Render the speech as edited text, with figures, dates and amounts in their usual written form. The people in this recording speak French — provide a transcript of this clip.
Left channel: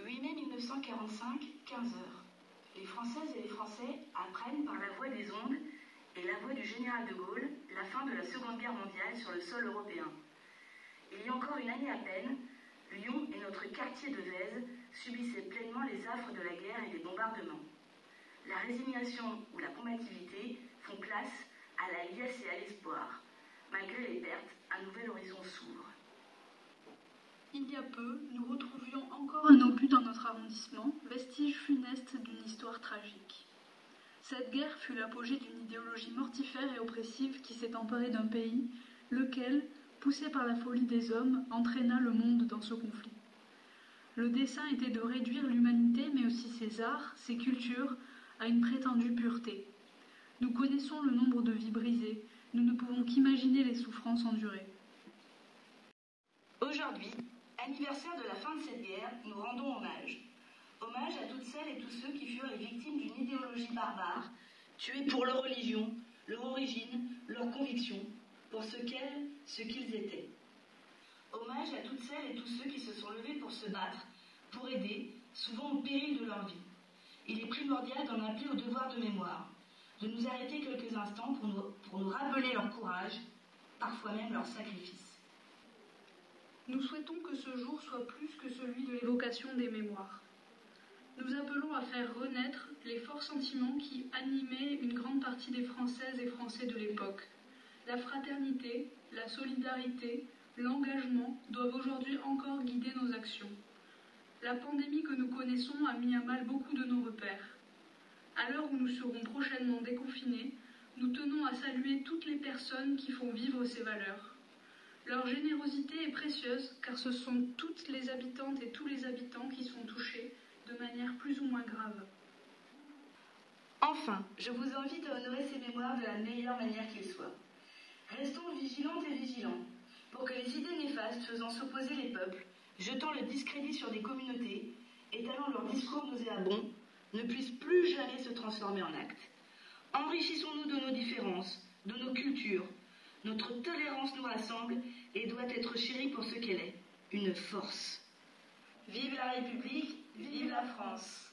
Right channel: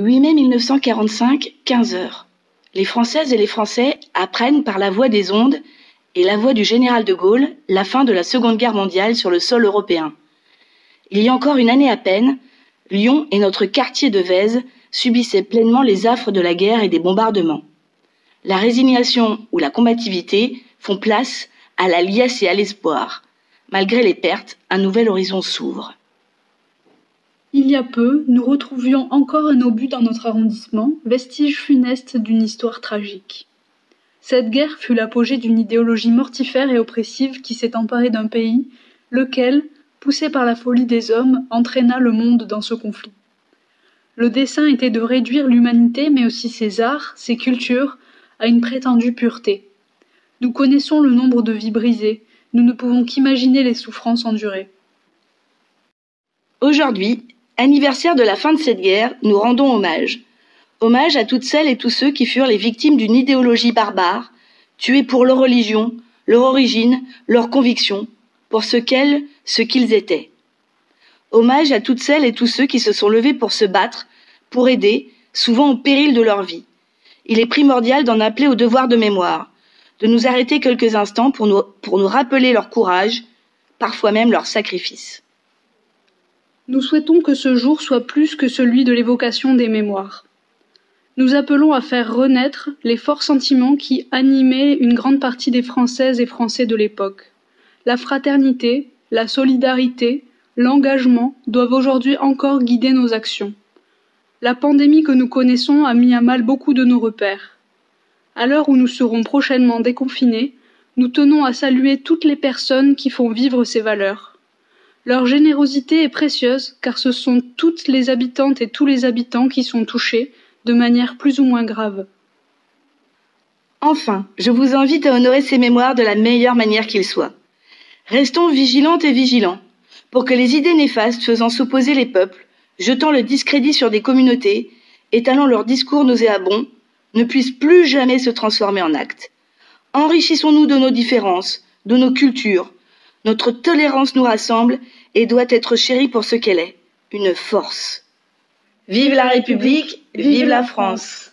8 mai 1945, 15 heures. Les Françaises et les Français apprennent par la voix des ondes et la voix du général de Gaulle la fin de la Seconde Guerre mondiale sur le sol européen. Il y a encore une année à peine, Lyon et notre quartier de Vèze subissaient pleinement les affres de la guerre et des bombardements. La résignation ou la combativité font place à la liesse et à l'espoir. Malgré les pertes, un nouvel horizon s'ouvre. Il y a peu, nous retrouvions encore un obus dans notre arrondissement, vestige funeste d'une histoire tragique. Cette guerre fut l'apogée d'une idéologie mortifère et oppressive qui s'est emparée d'un pays, lequel, poussé par la folie des hommes, entraîna le monde dans ce conflit. Le dessein était de réduire l'humanité, mais aussi ses arts, ses cultures, à une prétendue pureté. Nous connaissons le nombre de vies brisées, nous ne pouvons qu'imaginer les souffrances endurées. Aujourd'hui, anniversaire de la fin de cette guerre, nous rendons hommage. Hommage à toutes celles et tous ceux qui furent les victimes d'une idéologie barbare, tués pour leur religion, leur origine, leurs convictions, pour ce qu'ils étaient. Hommage à toutes celles et tous ceux qui se sont levés pour se battre, pour aider, souvent au péril de leur vie. Il est primordial d'en appeler au devoir de mémoire, de nous arrêter quelques instants pour nous rappeler leur courage, parfois même leur sacrifice. Nous souhaitons que ce jour soit plus que celui de l'évocation des mémoires. Nous appelons à faire renaître les forts sentiments qui animaient une grande partie des Françaises et Français de l'époque. La fraternité, la solidarité, l'engagement doivent aujourd'hui encore guider nos actions. La pandémie que nous connaissons a mis à mal beaucoup de nos repères. À l'heure où nous serons prochainement déconfinés, nous tenons à saluer toutes les personnes qui font vivre ces valeurs. Leur générosité est précieuse car ce sont toutes les habitantes et tous les habitants qui sont touchés de manière plus ou moins grave. Enfin, je vous invite à honorer ces mémoires de la meilleure manière qu'il soit. Restons vigilantes et vigilants pour que les idées néfastes faisant s'opposer les peuples, jetant le discrédit sur des communautés, étalant leurs discours nauséabonds, ne puissent plus jamais se transformer en actes. Enrichissons-nous de nos différences, de nos cultures. Notre tolérance nous rassemble et doit être chérie pour ce qu'elle est, une force. Vive la République, vive la France!